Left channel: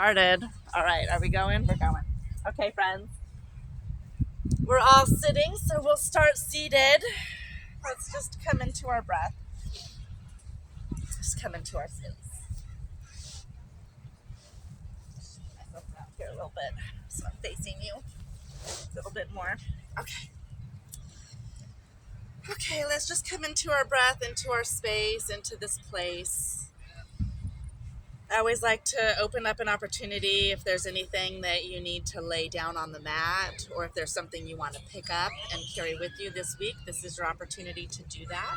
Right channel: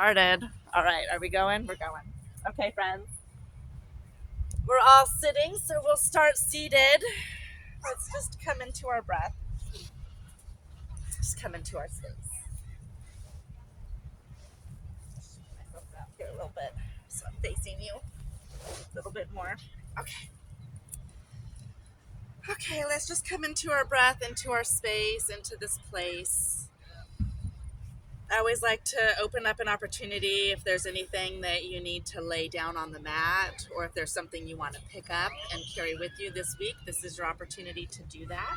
started. All right, are we going? We're going. Okay, friends. We're all sitting, so we'll start seated. Let's just come into our breath. Just come into our sits. Here a little bit, so I'm facing you a little bit more. Okay, let's just come into our breath, into our space, into this place. I always like to open up an opportunity if there's anything that you need to lay down on the mat, or if there's something you want to pick up and carry with you this week. This is your opportunity to do that.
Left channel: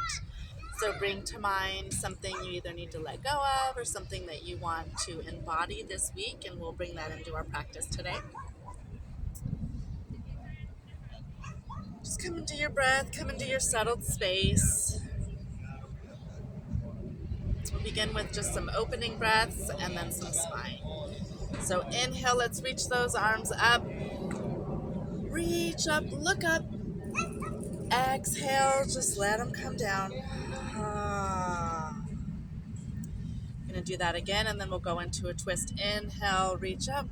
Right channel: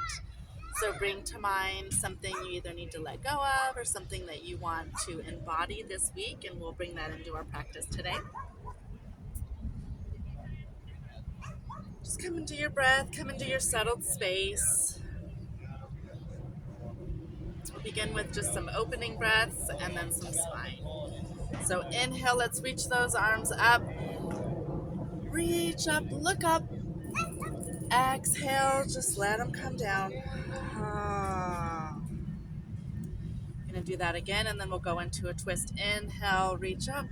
So bring to mind something you either need to let go of or something that you want to embody this week, and we'll bring that into our practice today. Just come into your breath, come into your settled space. We'll begin with just some opening breaths and then some spine. So inhale, let's reach those arms up. Reach up, look up. Exhale, just let them come down. Gonna do that again, and then we'll go into a twist. Inhale, reach up.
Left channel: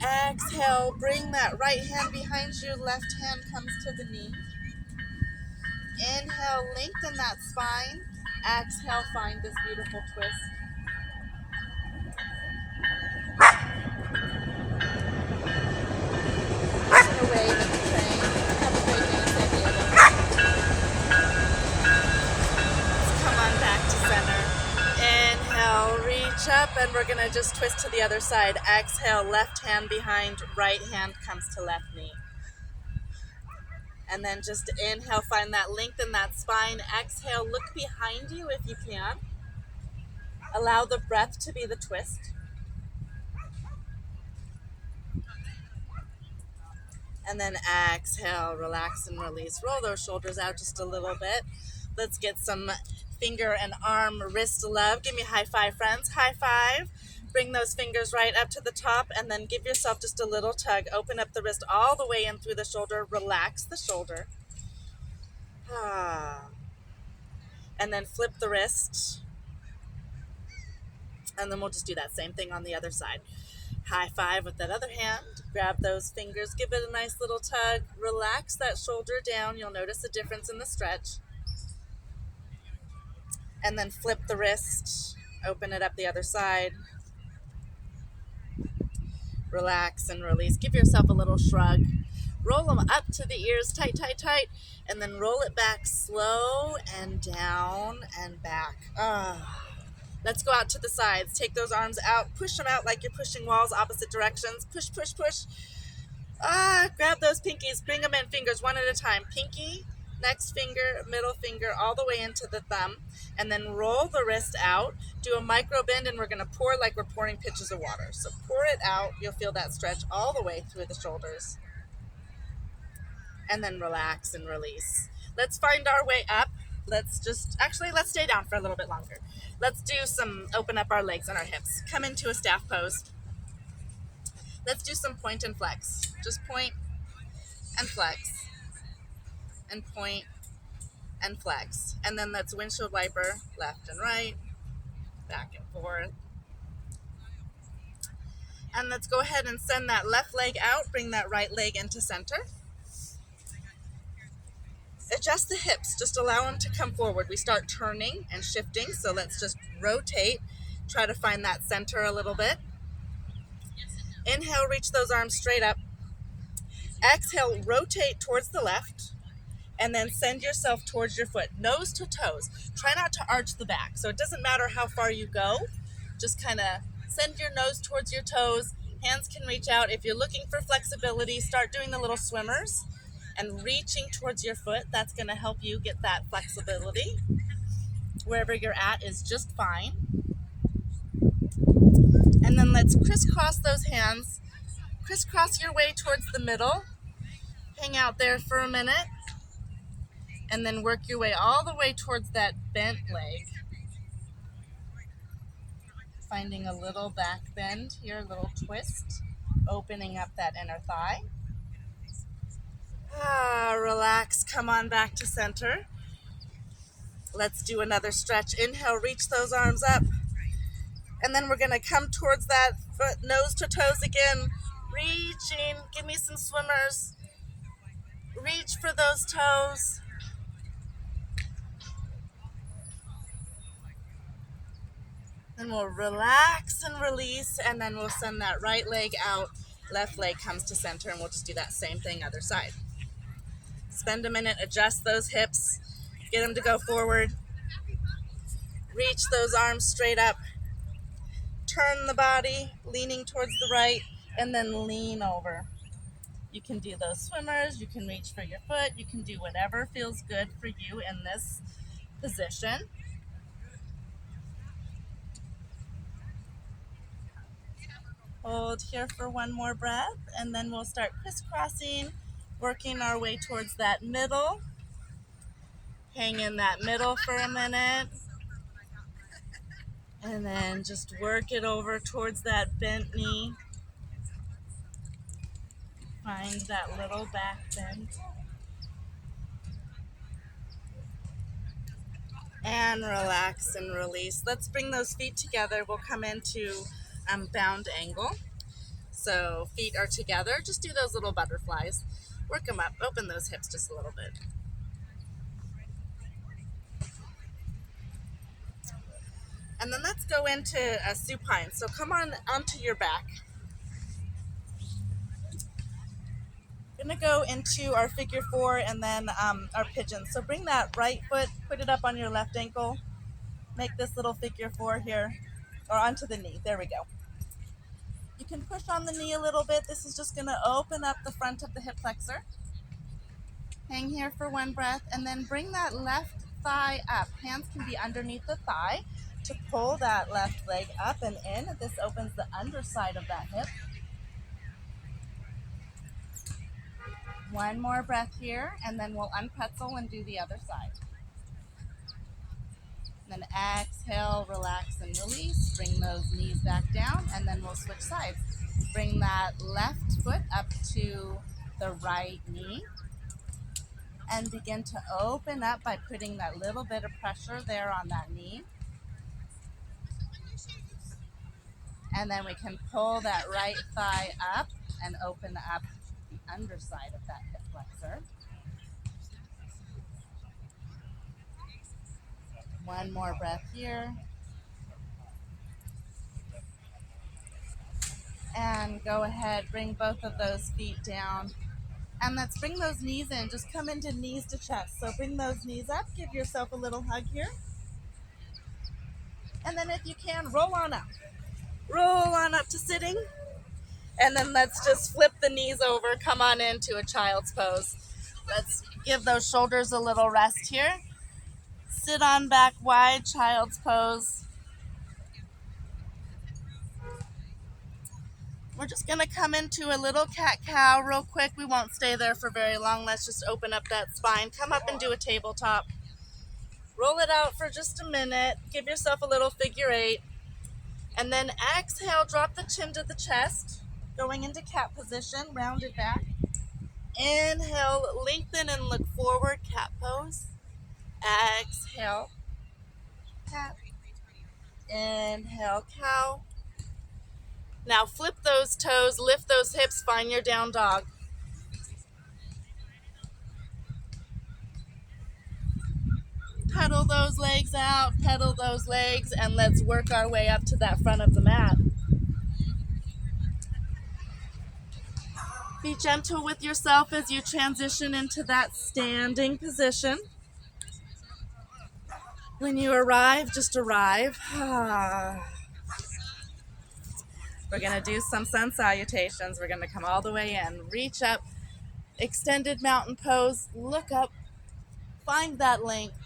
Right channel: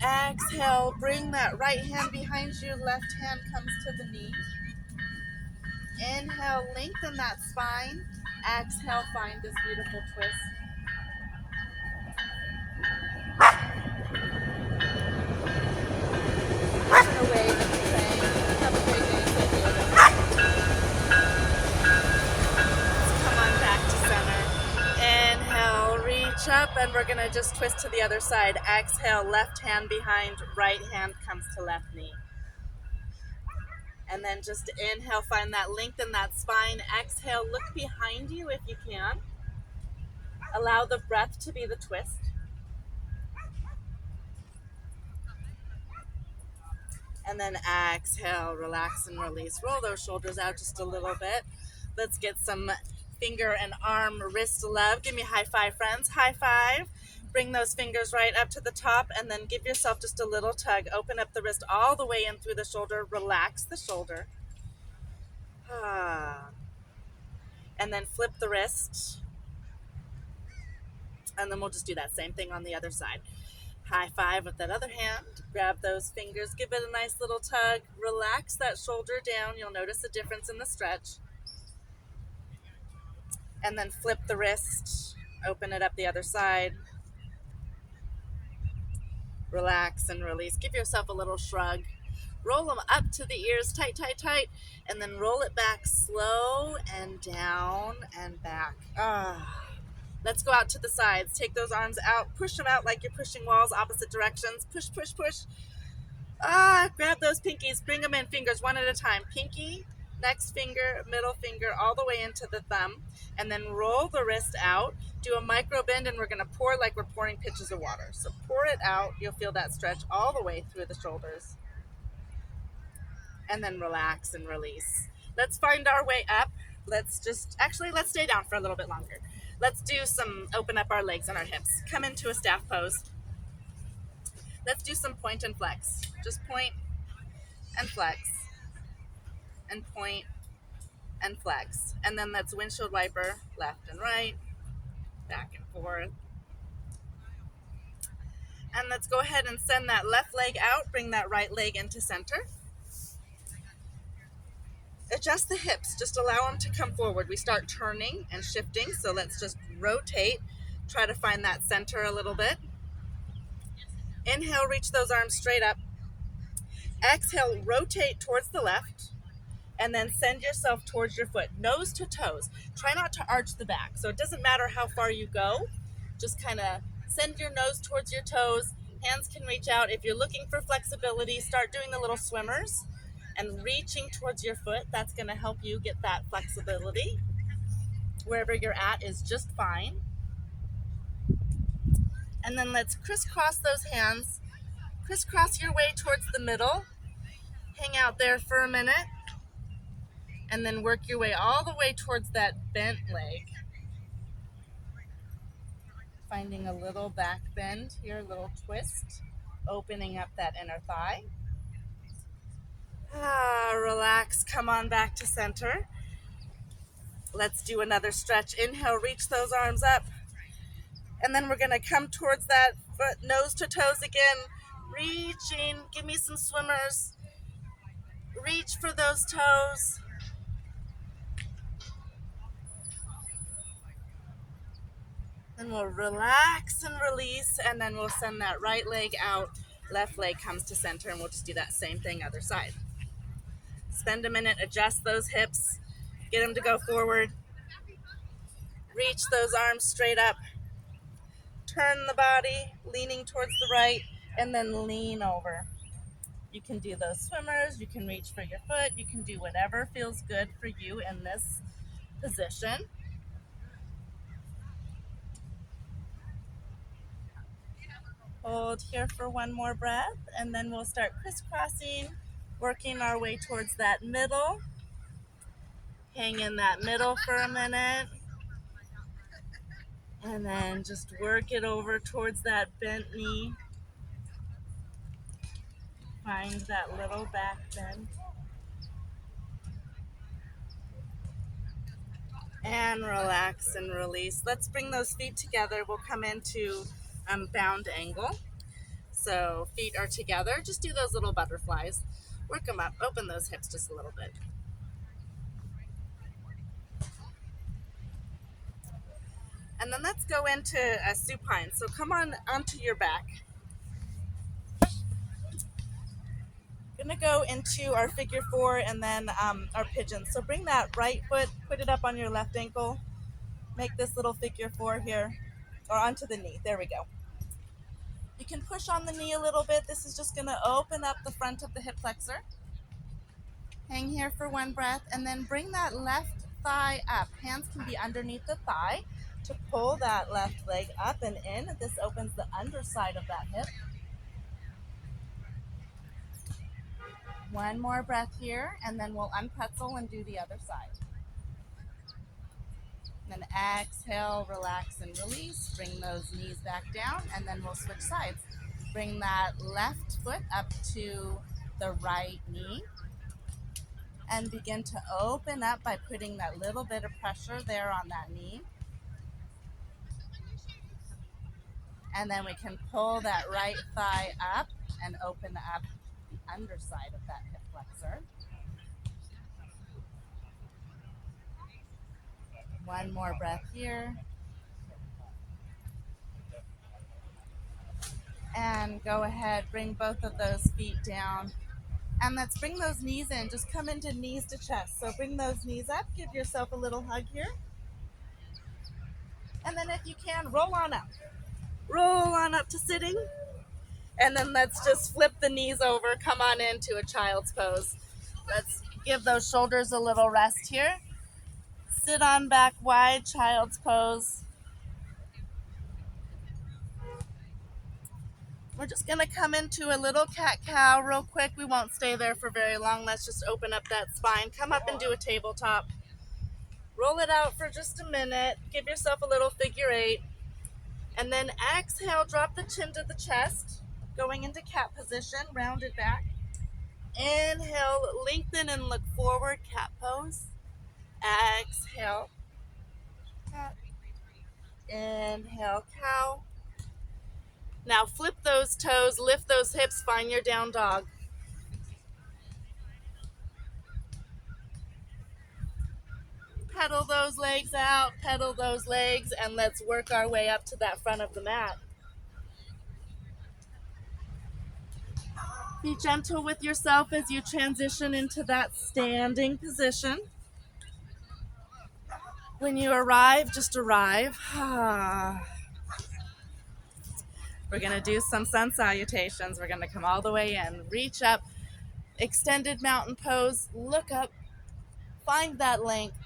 Exhale, bring that right hand behind you, left hand comes to the knee. Inhale, lengthen that spine. Exhale, find this beautiful twist. Up, and we're going to just twist to the other side. Exhale, left hand behind, right hand comes to left knee. And then just inhale, find that lengthen that spine. Exhale, look behind you if you can. Allow the breath to be the twist. And then exhale, relax and release. Roll those shoulders out just a little bit. Let's get some finger and arm wrist love. Give me a high five, friends. High five. Bring those fingers right up to the top, and then give yourself just a little tug. Open up the wrist all the way in through the shoulder. Relax the shoulder. And then flip the wrist. And then we'll just do that same thing on the other side. High five with that other hand. Grab those fingers. Give it a nice little tug. Relax that shoulder down. You'll notice a difference in the stretch. And then flip the wrist, open it up the other side. Relax and release. Give yourself a little shrug. Roll them up to the ears, tight, tight, tight. And then roll it back slow and down and back. Let's go out to the sides. Take those arms out. Push them out like you're pushing walls, opposite directions. Push, push, push. Grab those pinkies. Bring them in, fingers one at a time. Pinky, next finger, middle finger, all the way into the thumb. And then roll the wrist out. Do a micro bend, and we're going to pour like we're pouring pitchers of water. So pour it out. You'll feel that stretch all the way through the shoulders. And then relax and release. Let's find our way up. Let's stay down for a little bit longer. Let's do open up our legs and our hips. Come into a staff pose. Let's do some point and flex. Just point and flex. And point and flex. And then let's windshield wiper, left and right, back and forth. And let's go ahead and send that left leg out, bring that right leg into center. Adjust the hips, just allow them to come forward. We start turning and shifting, so let's just rotate, try to find that center a little bit. Inhale, reach those arms straight up. Exhale, rotate towards the left. And then send yourself towards your foot, nose to toes. Try not to arch the back. So it doesn't matter how far you go. Just kind of send your nose towards your toes. Hands can reach out. If you're looking for flexibility, start doing the little swimmers and reaching towards your foot. That's going to help you get that flexibility. Wherever you're at is just fine. And then let's crisscross those hands. Crisscross your way towards the middle. Hang out there for a minute. And then work your way all the way towards that bent leg. Finding a little back bend here, a little twist. Opening up that inner thigh. Relax, come on back to center. Let's do another stretch. Inhale, reach those arms up. And then we're gonna come towards that foot, nose to toes again, reaching. Give me some swimmers. Reach for those toes. Then we'll relax and release, and then we'll send that right leg out. Left leg comes to center, and we'll just do that same thing other side. Spend a minute, adjust those hips, get them to go forward. Reach those arms straight up. Turn the body, leaning towards the right, and then lean over. You can do those swimmers, you can reach for your foot, you can do whatever feels good for you in this position. Hold here for one more breath, and then we'll start crisscrossing, working our way towards that middle. Hang in that middle for a minute, and then just work it over towards that bent knee. Find that little back bend. And relax and release. Let's bring those feet together. We'll come into bound angle. So feet are together. Just do those little butterflies. Work them up. Open those hips just a little bit. And then let's go into a supine. So come on onto your back. We're gonna go into our figure four and then our pigeon. So bring that right foot, put it up on your left ankle. Make this little figure four here, or onto the knee. There we go. You can push on the knee a little bit. This is just gonna open up the front of the hip flexor. Hang here for one breath, and then bring that left thigh up. Hands can be underneath the thigh to pull that left leg up and in. This opens the underside of that hip. One more breath here, and then we'll unpretzel and do the other side. Then exhale, relax and release. Bring those knees back down, and then we'll switch sides. Bring that left foot up to the right knee, and begin to open up by putting that little bit of pressure there on that knee. And then we can pull that right thigh up and open up the underside of that hip flexor. One more breath here. And go ahead, bring both of those feet down. And let's bring those knees in. Just come into knees to chest. So bring those knees up. Give yourself a little hug here. And then if you can, roll on up. Roll on up to sitting. And then let's just flip the knees over. Come on into a child's pose. Let's give those shoulders a little rest here. Sit on back wide, child's pose. We're just going to come into a little cat-cow real quick. We won't stay there for very long. Let's just open up that spine. Come up and do a tabletop. Roll it out for just a minute. Give yourself a little figure eight. And then exhale, drop the chin to the chest. Going into cat position, round it back. Inhale, lengthen and look forward, cat pose. Exhale, cat. Inhale, cow. Now flip those toes, lift those hips, find your down dog. Pedal those legs out, pedal those legs, and let's work our way up to that front of the mat. Be gentle with yourself as you transition into that standing position. When you arrive, just arrive. We're going to do some sun salutations. We're going to come all the way in. Reach up, extended mountain pose, look up, find that length.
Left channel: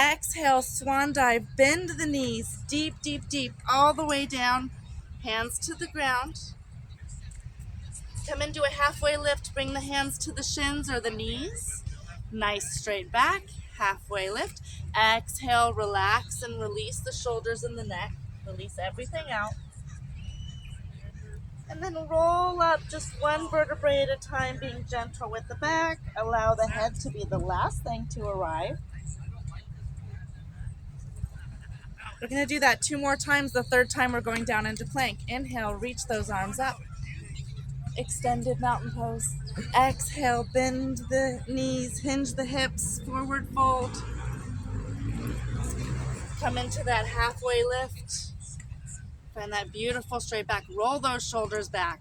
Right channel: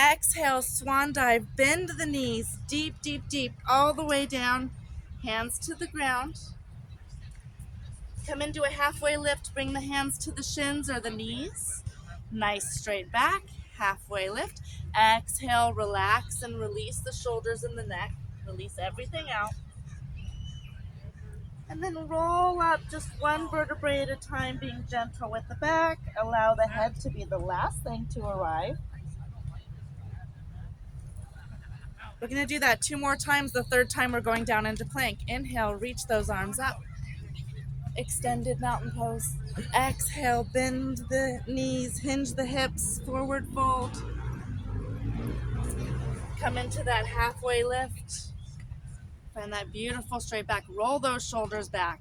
Exhale, swan dive, bend the knees, deep, deep, deep, all the way down. Hands to the ground. Come into a halfway lift, bring the hands to the shins or the knees. Nice straight back, halfway lift. Exhale, relax and release the shoulders and the neck. Release everything out. And then roll up just one vertebrae at a time, being gentle with the back. Allow the head to be the last thing to arrive. We're going to do that 2 more times. The 3rd time we're going down into plank. Inhale, reach those arms up. Extended mountain pose. Exhale, bend the knees, hinge the hips, forward fold. Come into that halfway lift. Find that beautiful straight back. Roll those shoulders back.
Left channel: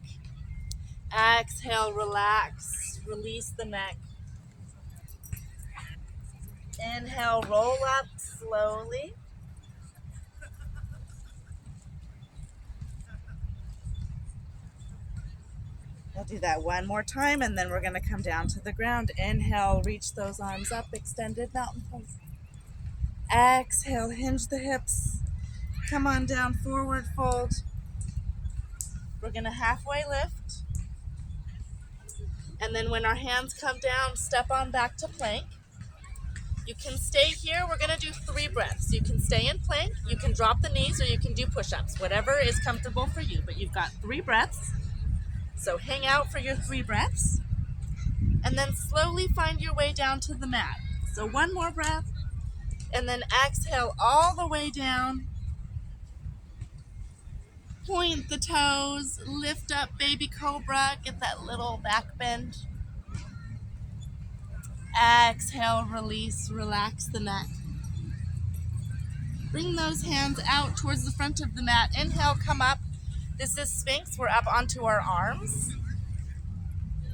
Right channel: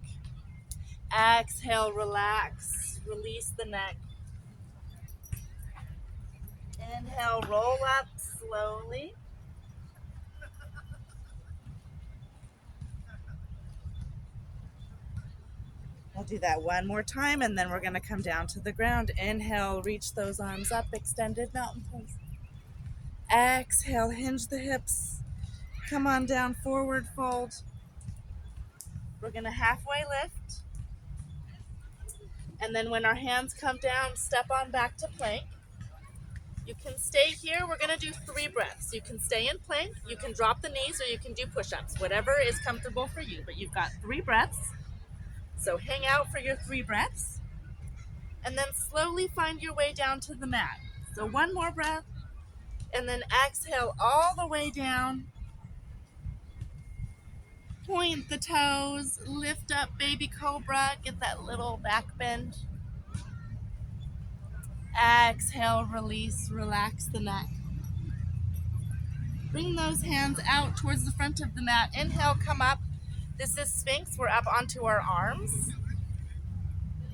Exhale, relax. Release the neck. Inhale, roll up slowly. We'll do that 1 more time, and then we're going to come down to the ground. Inhale, reach those arms up, extended mountain pose. Exhale, hinge the hips. Come on down, forward fold. We're going to halfway lift. And then when our hands come down, step on back to plank. You can stay here. We're going to do 3 breaths. You can stay in plank, you can drop the knees, or you can do push-ups, whatever is comfortable for you. But you've got 3 breaths. So hang out for your 3 breaths. And then slowly find your way down to the mat. So 1 more breath. And then exhale all the way down. Point the toes. Lift up, baby cobra. Get that little back bend. Exhale, release, relax the neck. Bring those hands out towards the front of the mat. Inhale, come up. This is Sphinx. We're up onto our arms.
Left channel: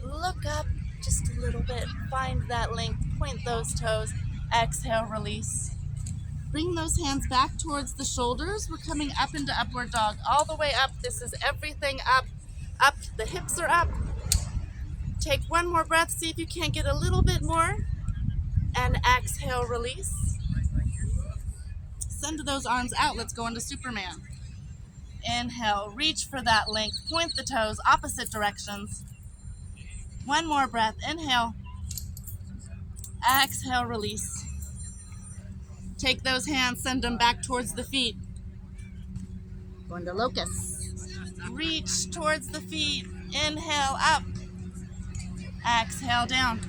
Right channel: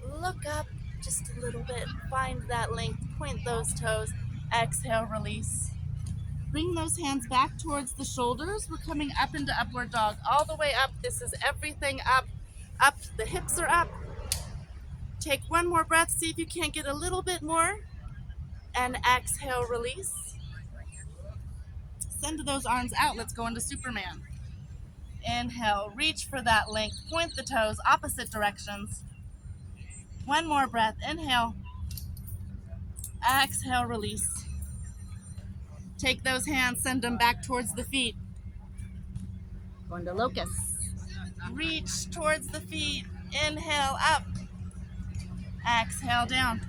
Look up just a little bit. Find that length. Point those toes. Exhale, release. Bring those hands back towards the shoulders. We're coming up into upward dog. All the way up. This is everything up. Up. The hips are up. Take 1 more breath. See if you can't get a little bit more. And exhale, release. Send those arms out. Let's go into Superman. Inhale, reach for that length. Point the toes, opposite directions. 1 more breath. Inhale. Exhale, release. Take those hands, send them back towards the feet. Going to locust. Reach towards the feet. Inhale, up. Exhale, down.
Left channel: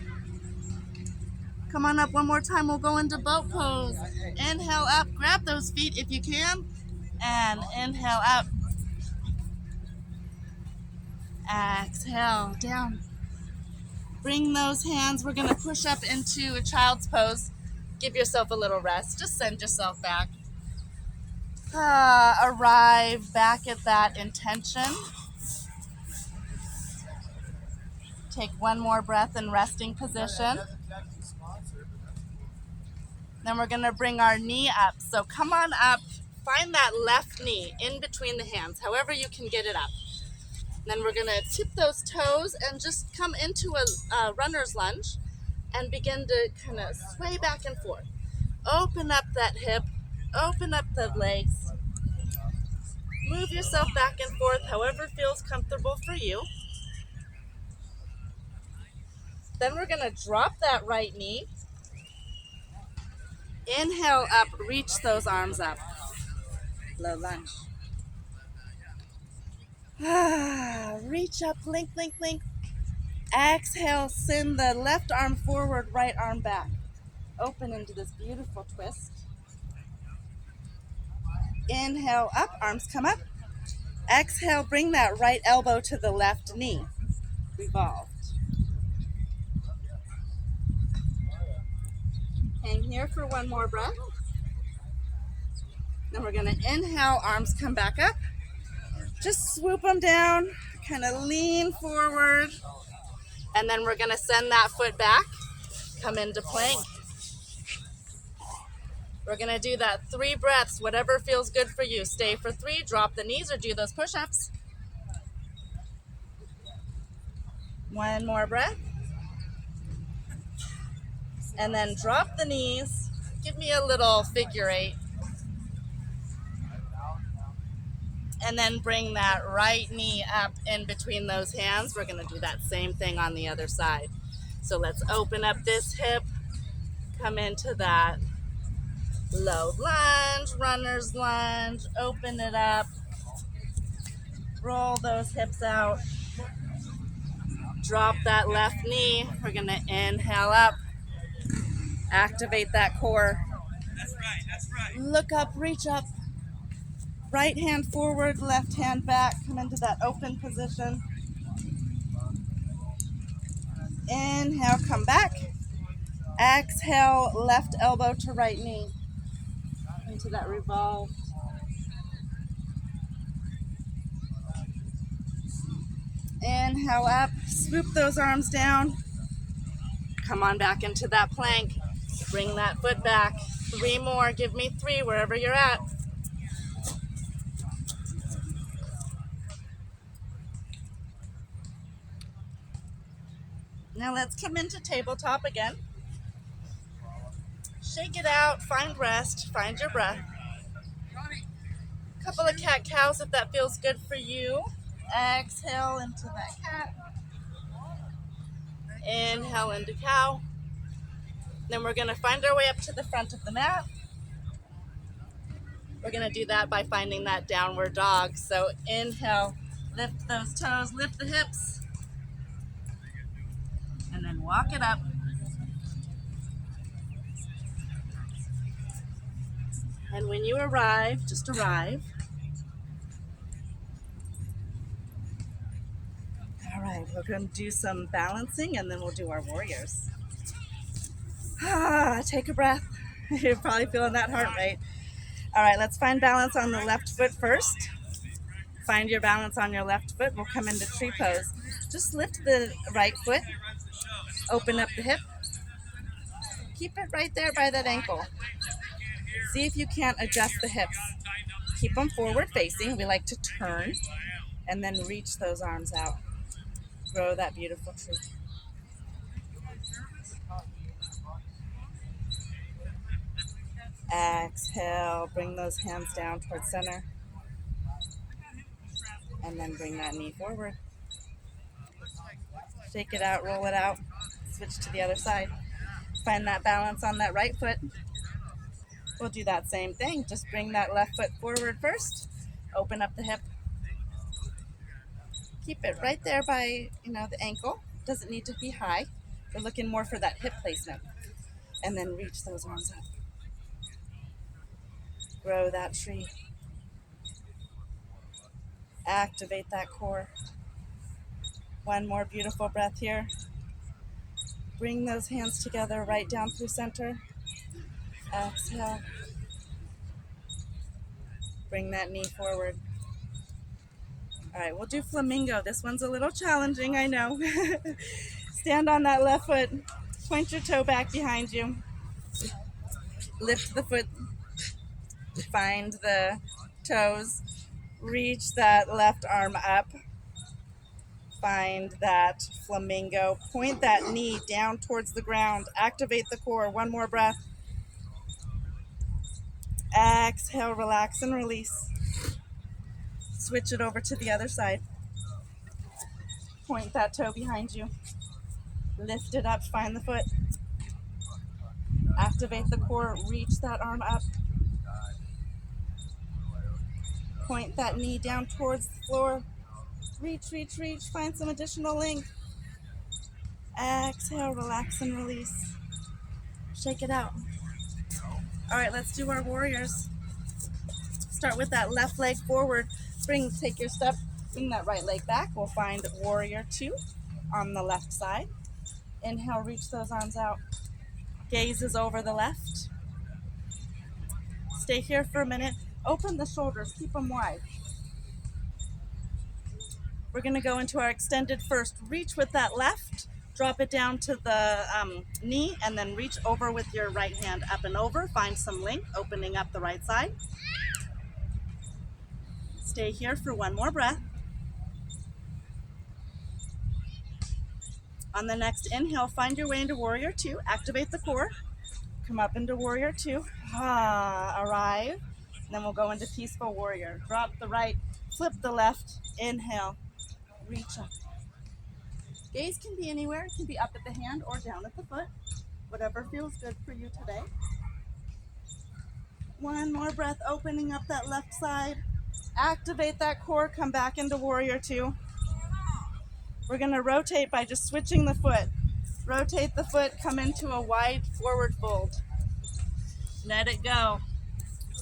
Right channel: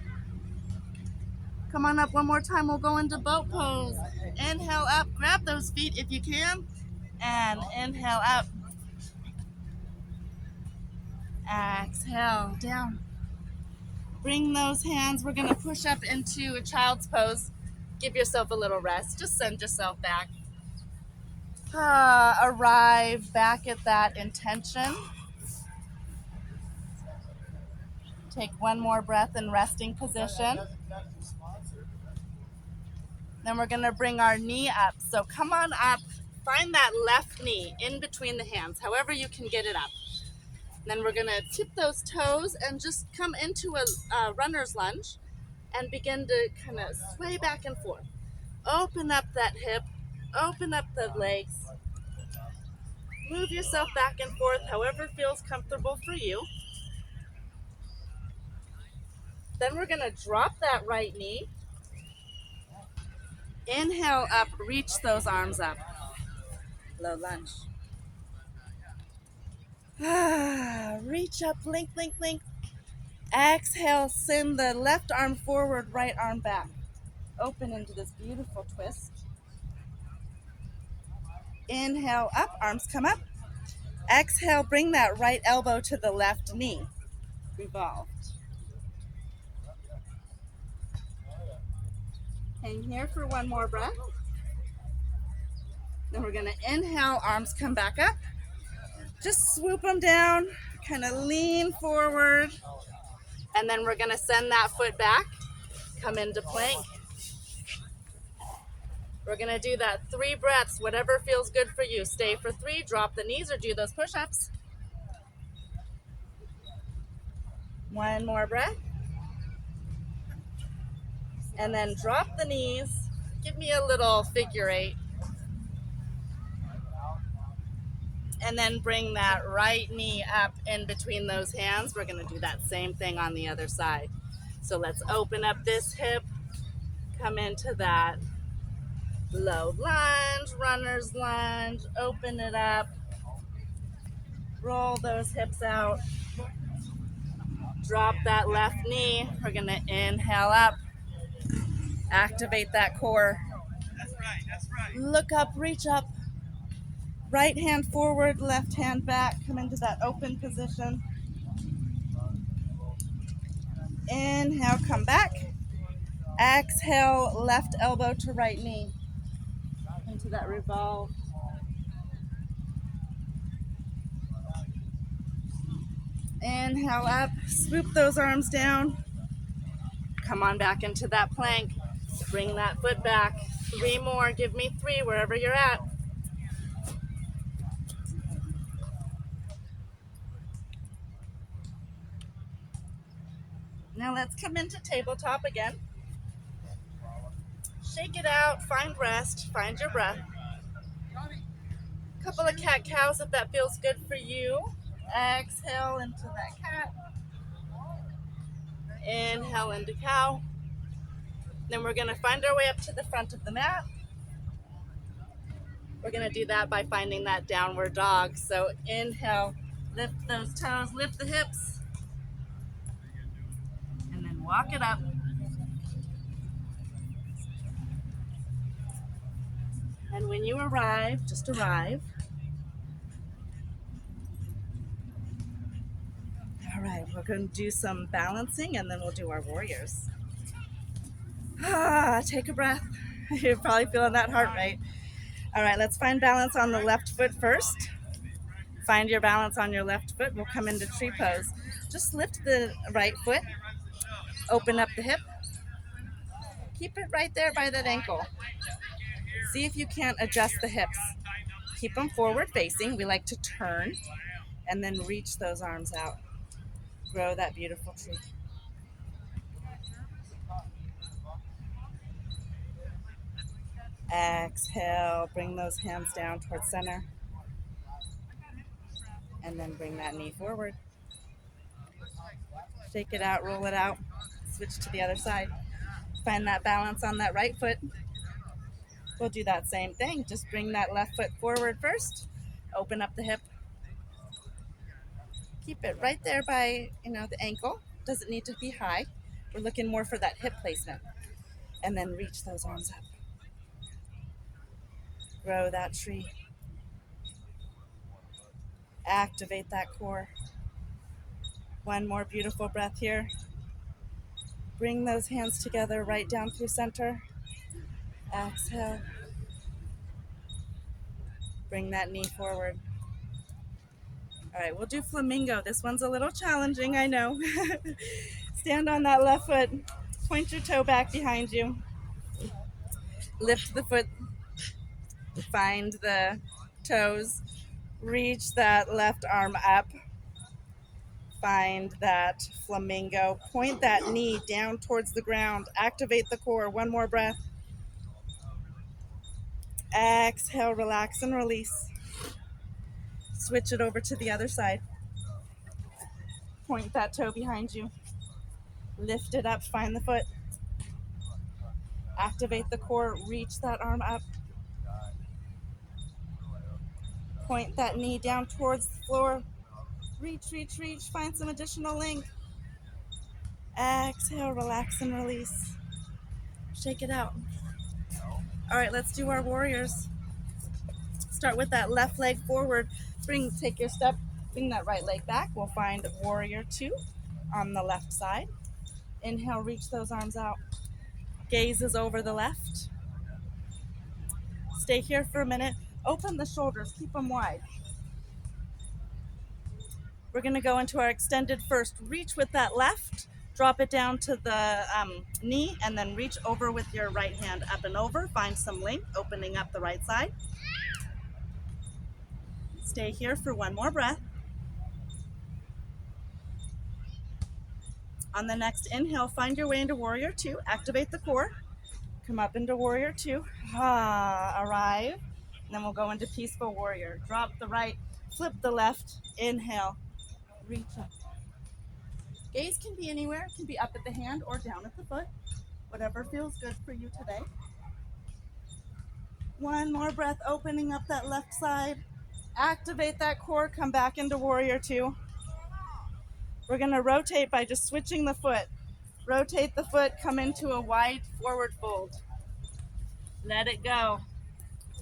Come on up 1 more time. We'll go into boat pose. Inhale, up. Grab those feet if you can. And inhale, up. Exhale, down. Bring those hands. We're going to push up into a child's pose. Give yourself a little rest. Just send yourself back. Arrive back at that intention. Take 1 more breath in resting position. Then we're going to bring our knee up. So come on up. Find that left knee in between the hands, however you can get it up. Then we're going to tip those toes and just come into a runner's lunge and begin to kind of sway back and forth. Open up that hip. Open up the legs. Move yourself back and forth, however feels comfortable for you. Then we're going to drop that right knee. Inhale up, reach those arms up. Low lunge. Reach up, link, link, link. Exhale, send the left arm forward, right arm back. Open into this beautiful twist. Inhale up, arms come up. Exhale, bring that right elbow to the left knee. Revolved. Hang here for 1 more breath. Then we're going to inhale, arms come back up. Just swoop them down, kind of lean forward. And then we're going to send that foot back, come into plank. We're going to do that 3 breaths, whatever feels good for you. Stay for 3, drop the knees or do those push-ups. 1 more breath. And then drop the knees. Give me a little figure 8. And then bring that right knee up in between those hands. We're going to do that same thing on the other side. So let's open up this hip. Come into that low lunge, runner's lunge. Open it up. Roll those hips out. Drop that left knee. We're going to inhale up. Activate that core. That's right, that's right. Look up, reach up. Right hand forward, left hand back. Come into that open position. Inhale, come back. Exhale, left elbow to right knee. Into that revolve. Inhale up, swoop those arms down. Come on back into that plank. Bring that foot back. 3 more, give me 3 wherever you're at. Now let's come into tabletop again. Shake it out, find rest, find your breath. Couple of cat-cows if that feels good for you. Exhale into that cat. Inhale into cow. Then we're going to find our way up to the front of the mat. We're going to do that by finding that downward dog. So inhale, lift those toes, lift the hips, and then walk it up. And when you arrive, just arrive. All right, we're going to do some balancing and then we'll do our warriors. Take a breath. You're probably feeling that heart rate. All right, let's find balance on the left foot first. Find your balance on your left foot. We'll come into tree pose. Just lift the right foot. Open up the hip. Keep it right there by that ankle. See if you can't adjust the hips. Keep them forward facing. We like to turn and then reach those arms out. Grow that beautiful tree. Exhale, bring those hands down towards center. And then bring that knee forward. Shake it out, roll it out. Switch to the other side. Find that balance on that right foot. We'll do that same thing. Just bring that left foot forward first. Open up the hip. Keep it right there by, the ankle. Doesn't need to be high. We're looking more for that hip placement. And then reach those arms up. Grow that tree. Activate that core. One more beautiful breath here. Bring those hands together right down through center. Exhale. Bring that knee forward. All right, we'll do flamingo. This one's a little challenging, I know. Stand on that left foot. Point your toe back behind you. Lift the foot. Find the toes. Reach that left arm up. Find that flamingo. Point that knee down towards the ground. Activate the core. One more breath. Exhale, relax and release. Switch it over to the other side. Point that toe behind you. Lift it up, find the foot. Activate the core, reach that arm up. Point that knee down towards the floor. Reach, reach, reach, find some additional length. Exhale, relax and release. Shake it out. All right, let's do our warriors. Start with that left leg forward. Take your step, bring that right leg back. We'll find warrior 2 on the left side. Inhale, reach those arms out. Gaze is over the left. Stay here for a minute. Open the shoulders, keep them wide. We're gonna go into our extended first. Reach with that left, drop it down to the knee, and then reach over with your right hand up and over. Find some length, opening up the right side. Stay here for one more breath. On the next inhale, find your way into warrior 2. Activate the core. Come up into warrior 2. Arrive. And then we'll go into peaceful warrior. Drop the right, flip the left. Inhale. Reach up. Gaze can be anywhere. It can be up at the hand or down at the foot. Whatever feels good for you today. One more breath, opening up that left side. Activate that core, come back into warrior 2. We're gonna rotate by just switching the foot. Rotate the foot, come into a wide forward fold. Let it go.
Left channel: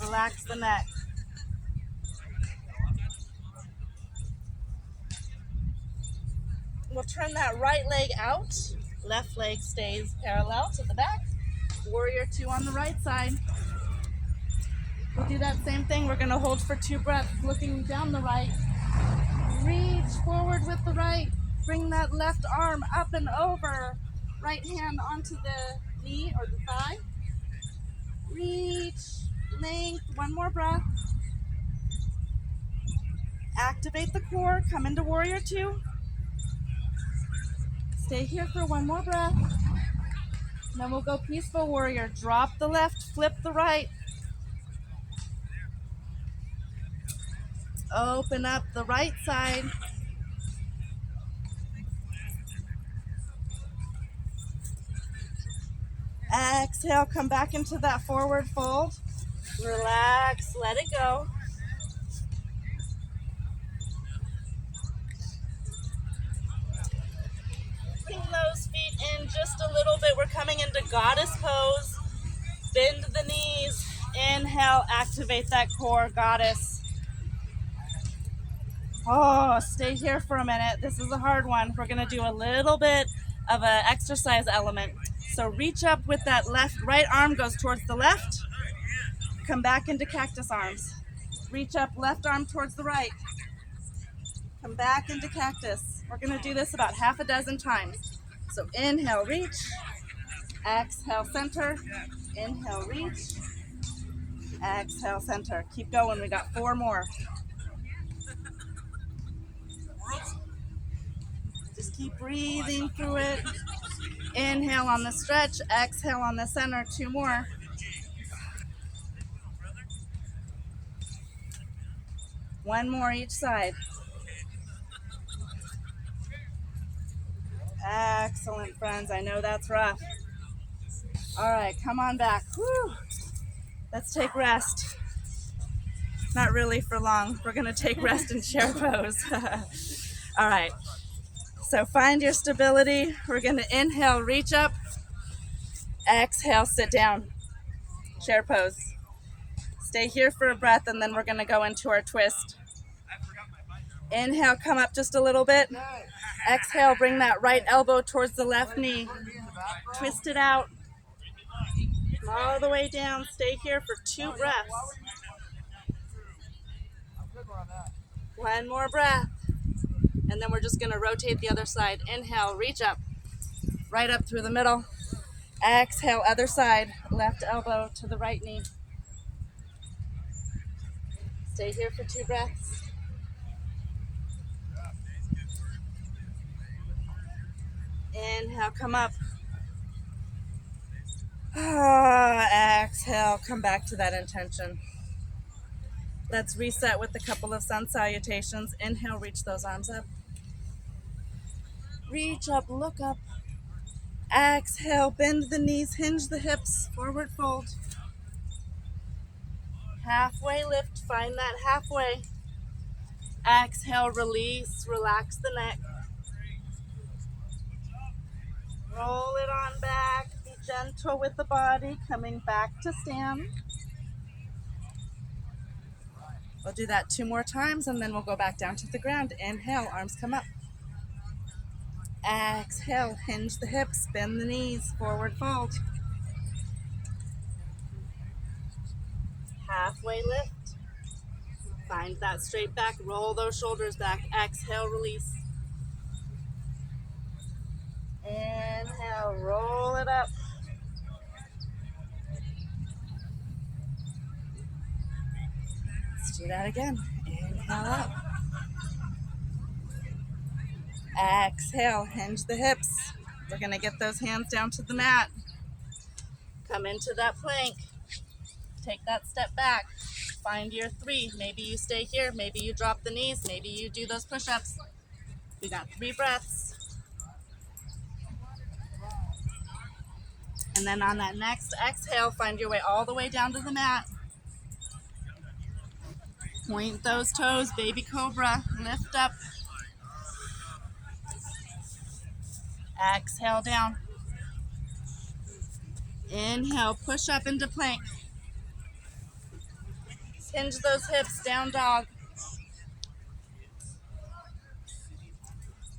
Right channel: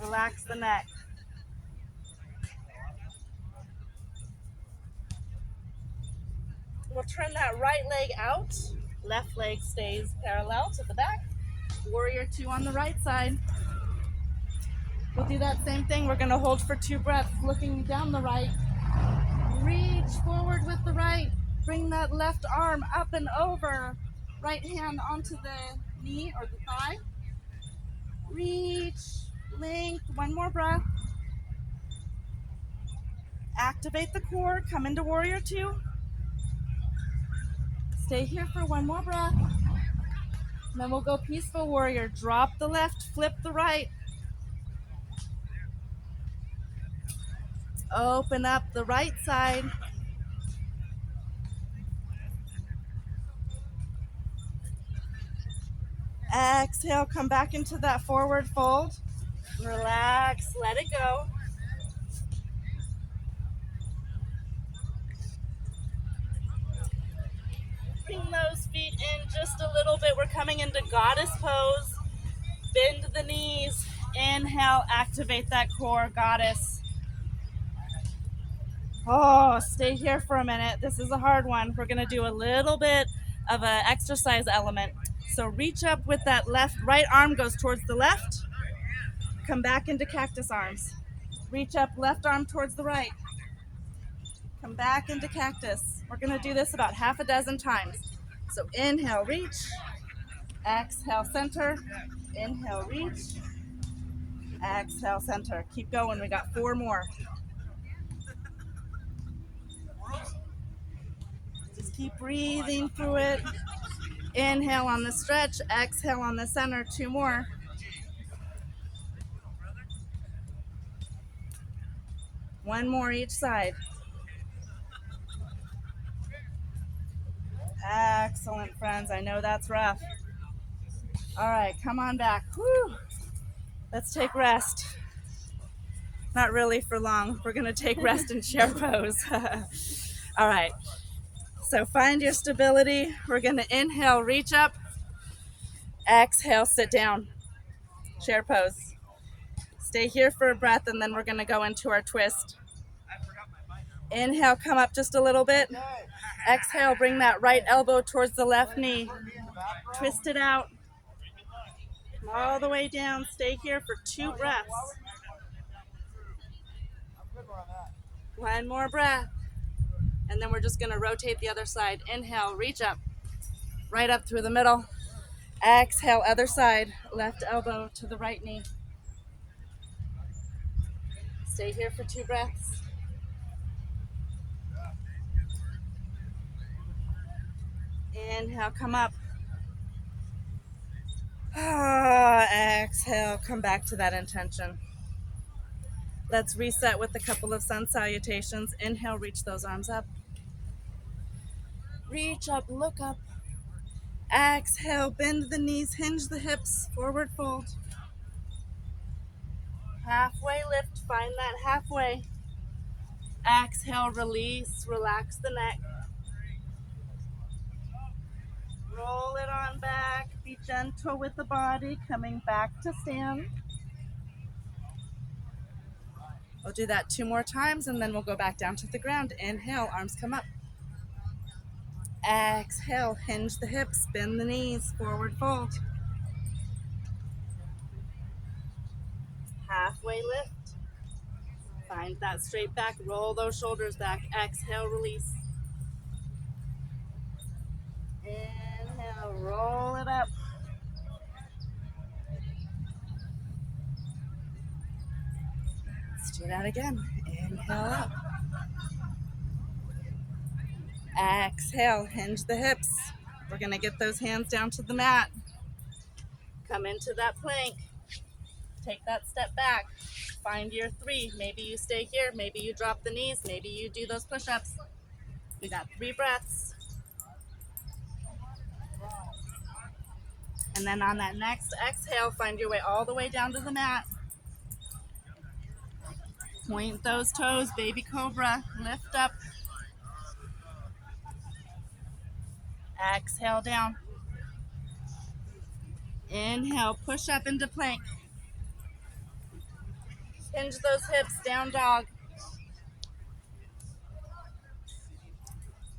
Relax the neck. We'll turn that right leg out. Left leg stays parallel to the back. Warrior 2 on the right side. We'll do that same thing. We're going to hold for 2 breaths, looking down the right. Reach forward with the right. Bring that left arm up and over. Right hand onto the knee or the thigh. Reach, length, 1 more breath. Activate the core, come into Warrior 2. Stay here for 1 more breath. And then we'll go Peaceful Warrior. Drop the left, flip the right. Open up the right side. Exhale, come back into that forward fold. Relax, let it go. Bring those feet in just a little bit. We're coming into Goddess pose. Bend the knees. Inhale, activate that core, Goddess. Oh, stay here for a minute. This is a hard one. We're going to do a little bit of an exercise element. So reach up with that right arm goes towards the left. Come back into cactus arms. Reach up, left arm towards the right. Come back into cactus. We're going to do this about half a dozen times. So inhale, reach. Exhale, center. Inhale, reach. Exhale, center. Keep going. We got 4 more. Just keep breathing through it. Inhale on the stretch. Exhale on the center. 2 more. One more each side. Excellent, friends. I know that's rough. All right, come on back. Whew. Let's take rest. Not really for long. We're going to take rest in chair pose. All right. So find your stability. We're going to inhale, reach up. Exhale, sit down. Chair pose. Stay here for a breath, and then we're going to go into our twist. Inhale, come up just a little bit. Exhale, bring that right elbow towards the left knee. Twist it out. All the way down. Stay here for 2 breaths. 1 more breath. And then we're just going to rotate the other side. Inhale, reach up. Right up through the middle. Exhale, other side. Left elbow to the right knee. Stay here for 2 breaths. Inhale, come up. Exhale, come back to that intention. Let's reset with a couple of sun salutations. Inhale, reach those arms up. Reach up, look up. Exhale, bend the knees, hinge the hips, forward fold. Halfway lift, find that halfway. Exhale, release, relax the neck. Roll it on back, be gentle with the body, coming back to stand. We'll do that 2 more times, and then we'll go back down to the ground. Inhale, arms come up. Exhale, hinge the hips, bend the knees, forward fold. Halfway lift. Find that straight back, roll those shoulders back. Exhale, release. Inhale, roll it up. Let's do that again. Inhale up. Exhale, hinge the hips. We're going to get those hands down to the mat. Come into that plank. Take that step back. Find your 3. Maybe you stay here. Maybe you drop the knees. Maybe you do those push-ups. We got 3 breaths. And then on that next exhale, find your way all the way down to the mat. Point those toes, baby cobra. Lift up. Exhale down. Inhale, push up into plank. Hinge those hips, down dog.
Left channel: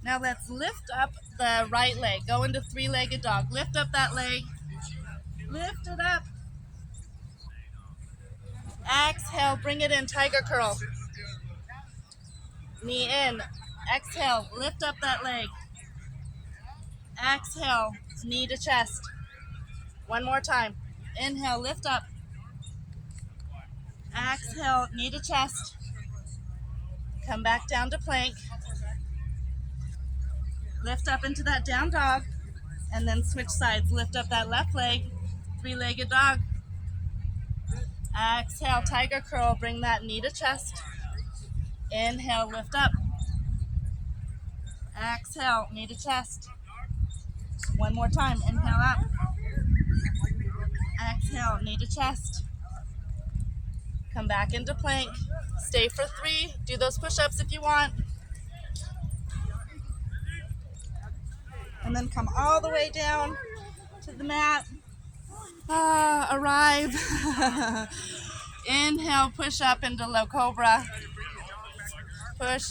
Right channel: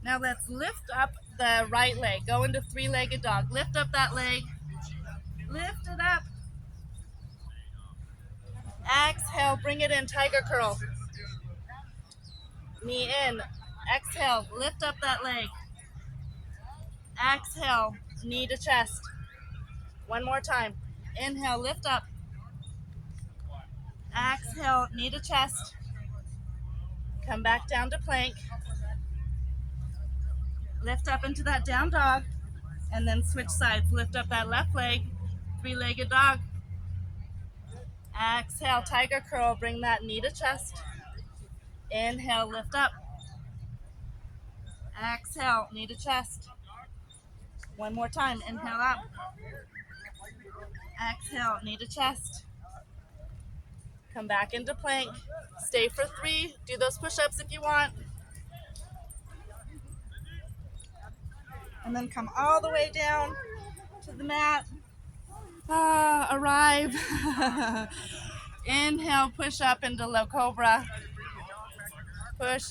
Now Now let's lift up the right leg. Go into three-legged dog. Lift up that leg. Lift it up. Exhale, bring it in, tiger curl. Knee in. Exhale, lift up that leg. Exhale, knee to chest. One more time. Inhale, lift up. Exhale, knee to chest. Come back down to plank. Lift up into that down dog. And then switch sides. Lift up that left leg. Three-legged dog. Exhale, tiger curl. Bring that knee to chest. Inhale, lift up. Exhale, knee to chest. One more time. Inhale up. Exhale, knee to chest. Come back into plank. Stay for 3. Do those push-ups if you want. And then come all the way down to the mat. Arrive. Inhale, push up into low cobra. Push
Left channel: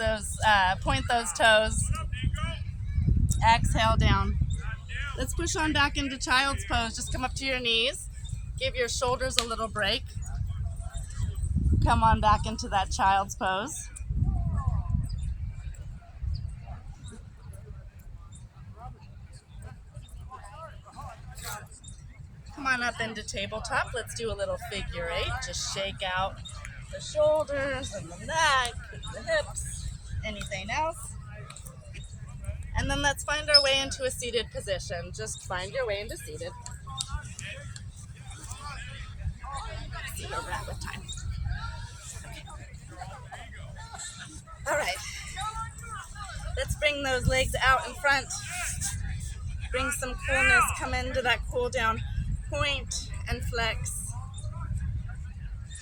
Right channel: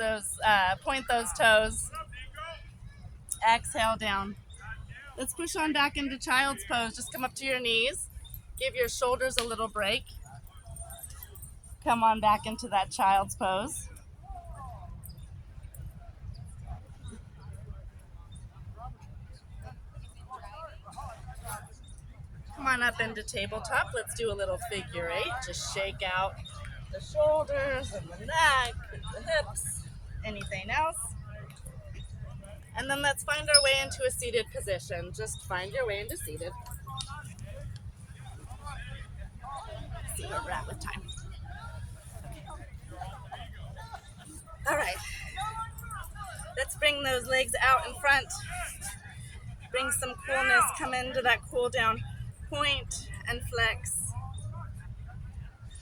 those, point those toes. Exhale down. Let's push on back into child's pose. Just come up to your knees. Give your shoulders a little break. Come on back into that child's pose. Come on up into tabletop. Let's do a little figure 8. Just shake out the shoulders and the neck, the hips, anything else. And then let's find our way into a seated position. Just find your way into seated. Let's see where we're at with time. Okay. All right. Let's bring those legs out in front. Bring some coolness. Come into that cool down. Point and flex.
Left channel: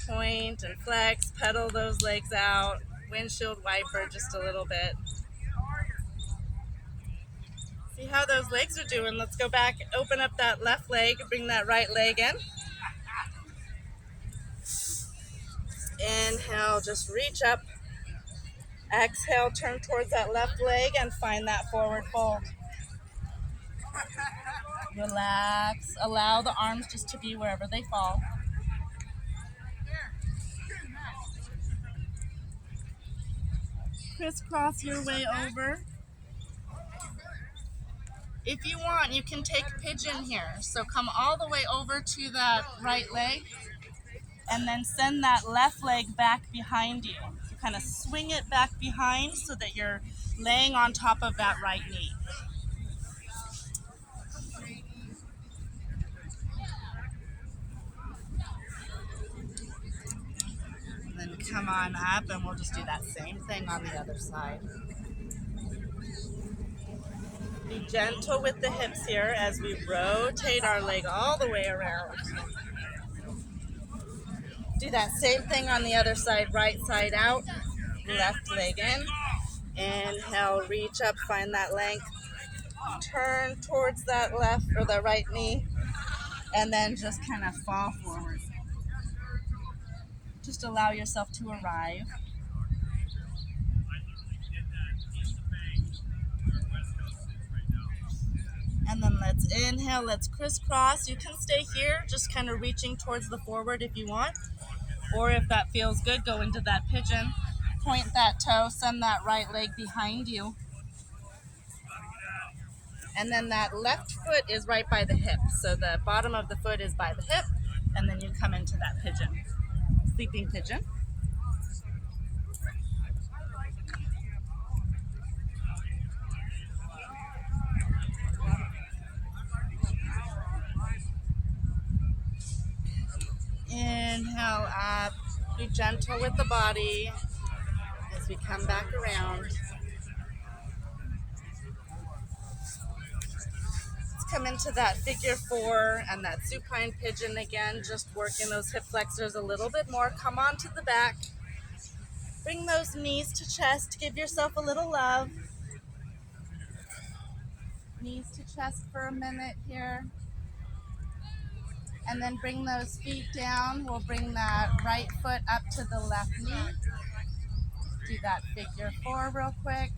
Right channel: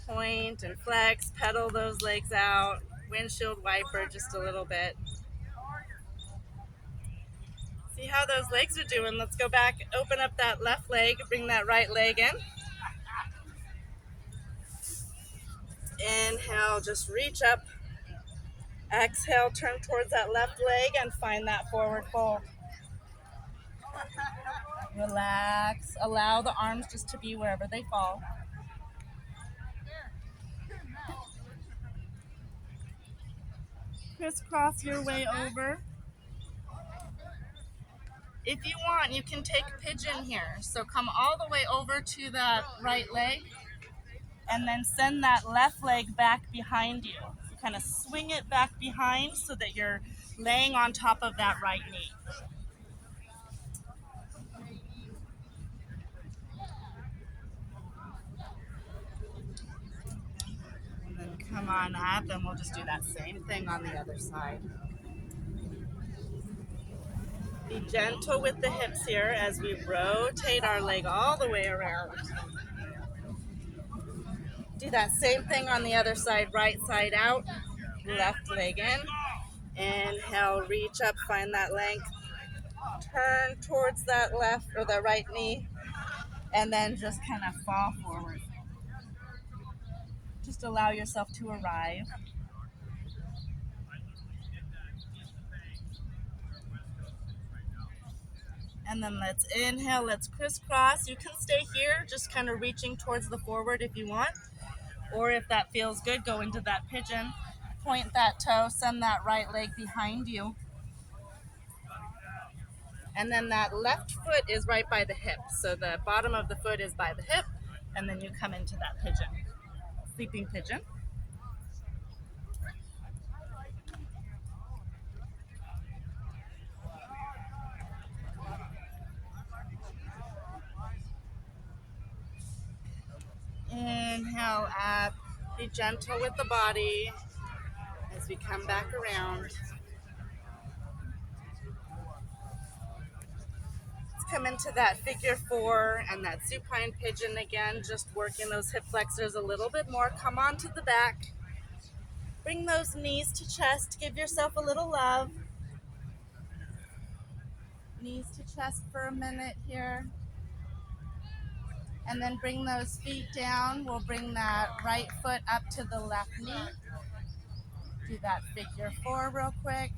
Point and flex. Pedal those legs out. Windshield wiper just a little bit. See how those legs are doing. Let's go back. Open up that left leg. Bring that right leg in. Inhale, just reach up. Exhale, turn towards that left leg and find that forward fold. Relax. Allow the arms just to be wherever they fall. Crisscross your way over. If you want, you can take pigeon here. So come all the way over to that right leg and then send that left leg back behind you. So kind of swing it back behind so that you're laying on top of that right knee. And then come on up and we'll just do that same thing on the other side. Be gentle with the hips here as we rotate our leg all the way around. Do that same thing on the other side, right side out, left leg in. Inhale, reach up, find that length. Turn towards that left or the right knee, and then just kind of fall forward. Just allow yourself to arrive. And then let's inhale, let's crisscross. You can stay here, just kind of reaching towards the forward if you want. Or if that feels good, go into that pigeon. Point that toe, send that right leg behind you. And then that left foot is right by the hip. So the bottom of the foot is by the hip, and then you come into that pigeon. Sleeping pigeon. Inhale up. Be gentle with the body as we come back around. Let's come into that figure 4 and that supine pigeon again, just working those hip flexors a little bit more. Come on to the back. Bring those knees to chest. Give yourself a little love. Knees to chest for a minute here. And then bring those feet down. We'll bring that right foot up to the left knee. Do that figure 4 real quick.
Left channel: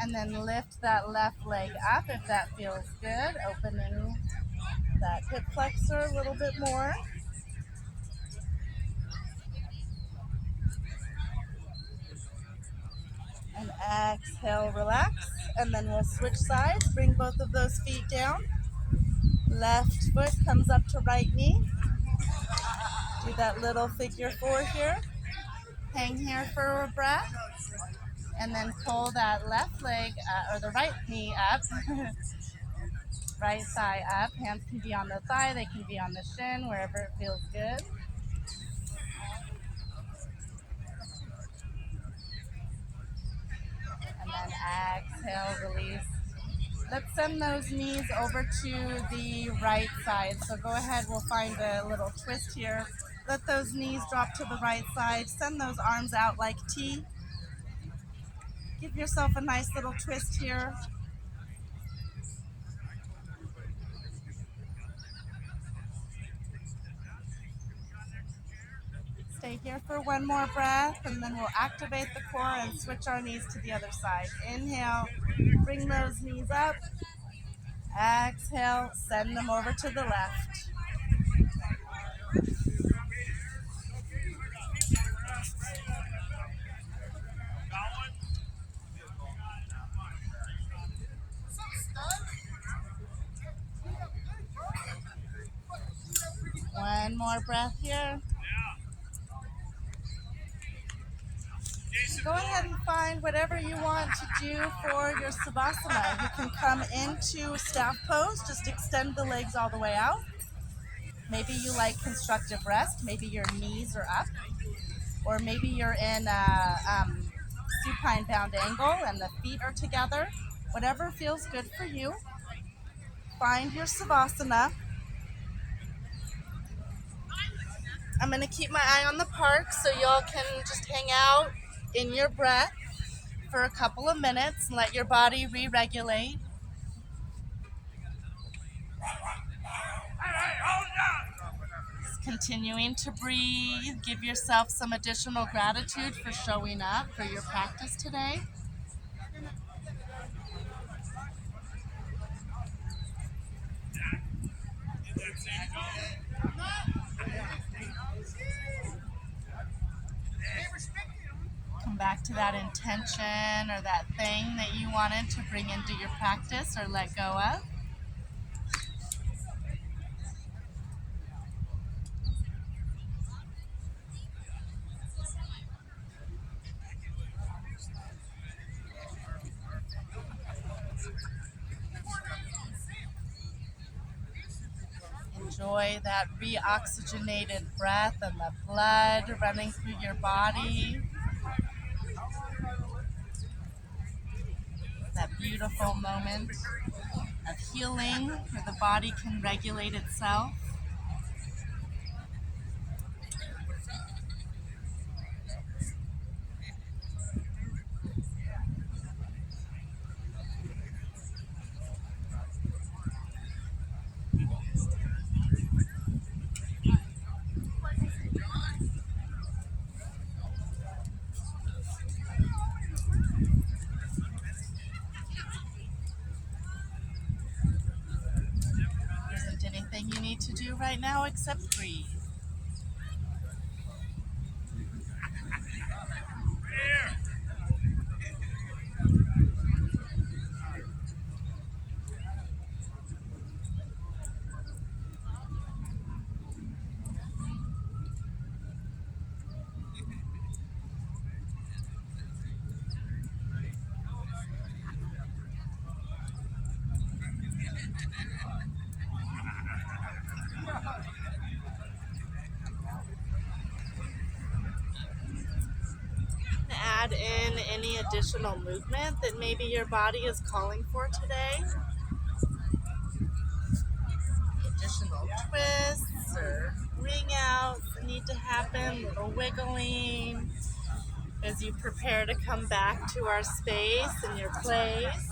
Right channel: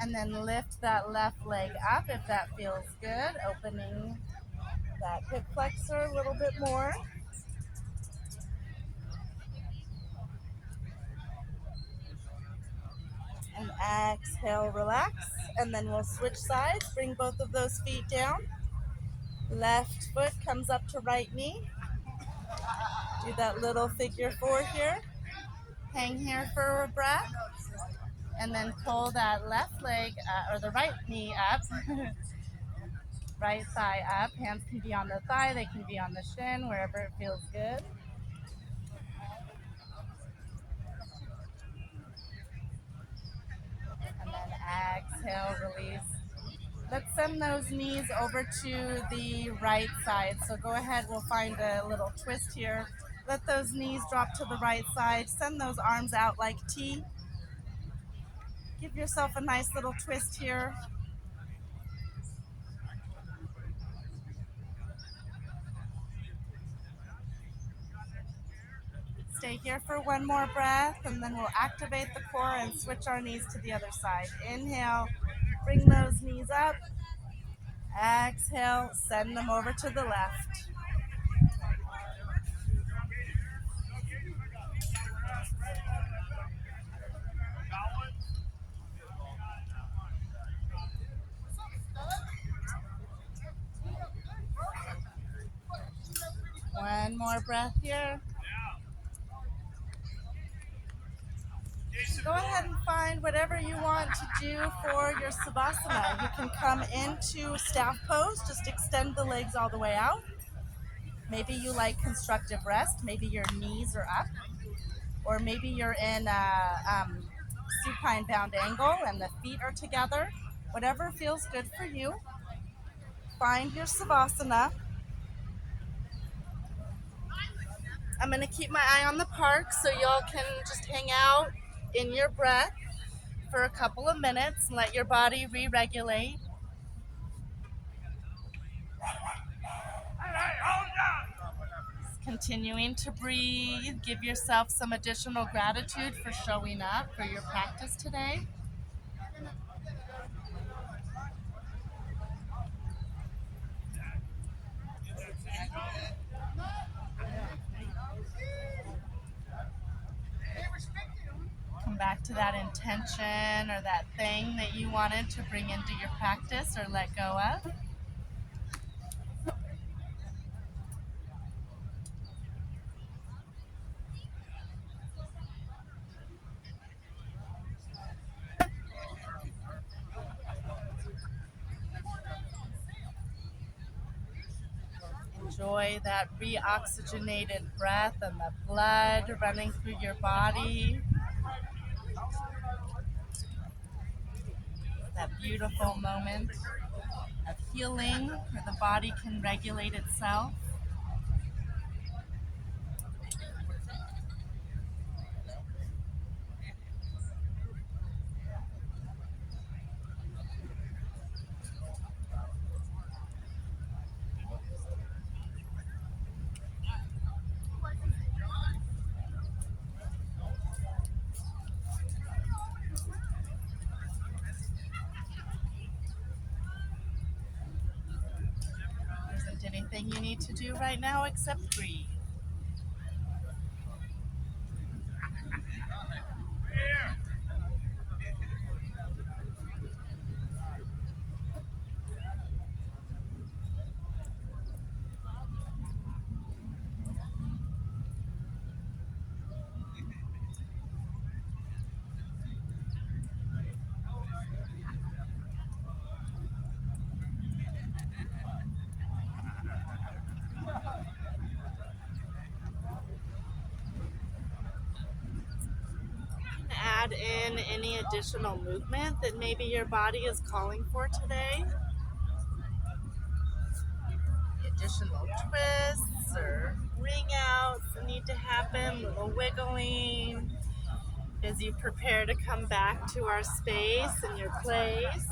And then lift that left leg up if that feels good, opening that hip flexor a little bit more. And exhale, relax. And then we'll switch sides, bring both of those feet down. Left foot comes up to right knee. Do that little figure four here. Hang here for a breath. And then pull that left leg, or the right knee up. Right thigh up. Hands can be on the thigh, they can be on the shin, wherever it feels good. And then exhale, release. Let's send those knees over to the right side. So go ahead, we'll find a little twist here. Let those knees drop to the right side. Send those arms out like T. Give yourself a nice little twist here. Stay here for one more breath, and then we'll activate the core and switch our knees to the other side. Inhale, bring those knees up. Exhale, send them over to the left. One more breath here. Go ahead and find whatever you want to do for your Savasana. You can come into staff pose, just extend the legs all the way out. Maybe you like constructive rest, maybe your knees are up, or maybe you're in a supine bound angle and the feet are together. Whatever feels good for you. Find your Savasana. I'm going to keep my eye on the park so y'all can just hang out in your breath for a couple of minutes and let your body re-regulate. Just continuing to breathe. Give yourself some additional gratitude for showing up for your practice today. Come back to that intention or that thing that you wanted to bring into your practice or let go of. Enjoy that reoxygenated breath and the blood running through your body. That beautiful moment of healing where the body can regulate itself. You need to do right now except breathe. Add in any additional movement that maybe your body is calling for today. Additional twists or ring outs that need to happen, a little wiggling as you prepare to come back to our space and your place.